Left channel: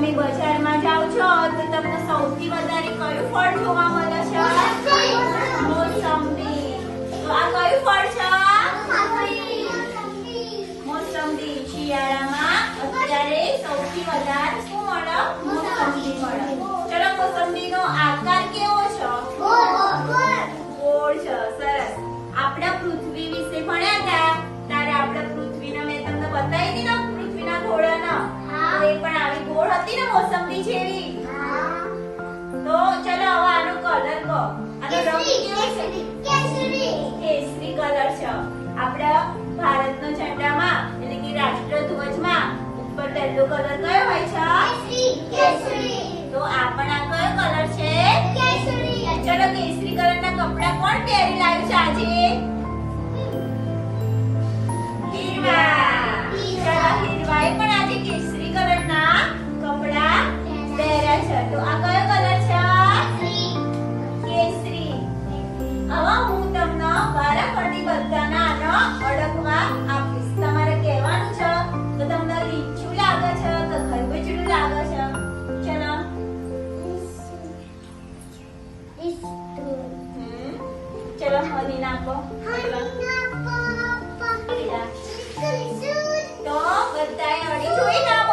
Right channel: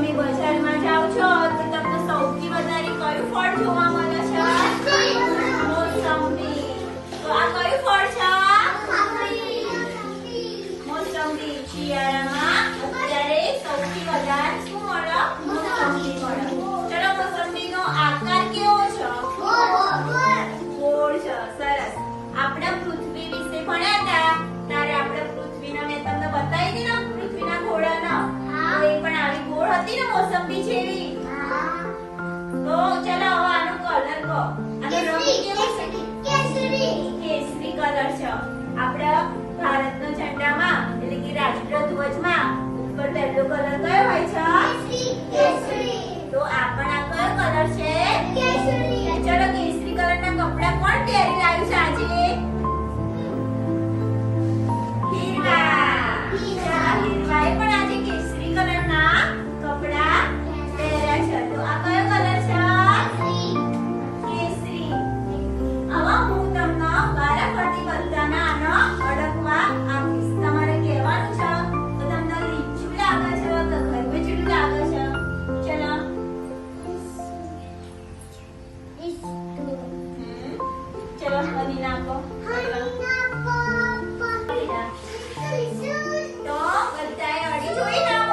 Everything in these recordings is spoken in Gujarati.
તમે બજારમાં જાઓ છો તો તમને સૌથી વધારે કયું ફળ જોવા મળે છે? મોસંબી. તો આ કયું ફળ છે? મોસંબી. શિયાળામાં અત્યારે સૌથી વધારે હતી છે મોસંબી તો ચલો હવે આનો કલર કહો. આનો રંગ કેવો છે? કેસરી કલર છે. આપણા ભારતનો ઝંડામાં એટલે કે રાષ્ટ્રધ્વજમાં ઉપર પહેલો કલર કયો હોય છે? તો આ પણ આ કયો કલર છે? ચલો કેસરી કલરના કપડા કોણ પહેરી લાવ્યું છે આજે? ચલો હની નાખો તો બધાએ અડી જોઈ ના મોસંબી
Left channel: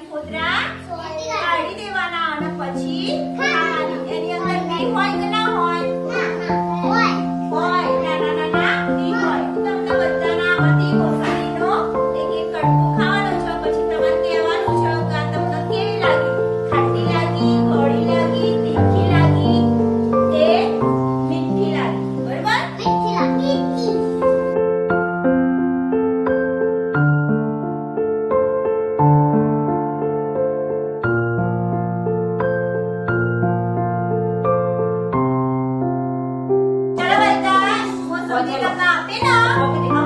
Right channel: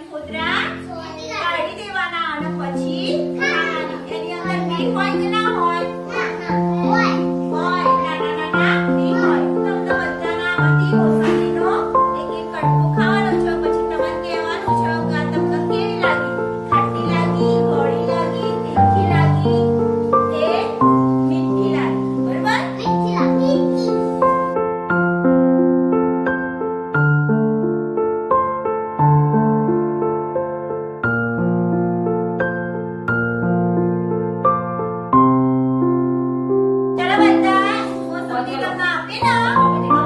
તો 干哪？爹娘，给。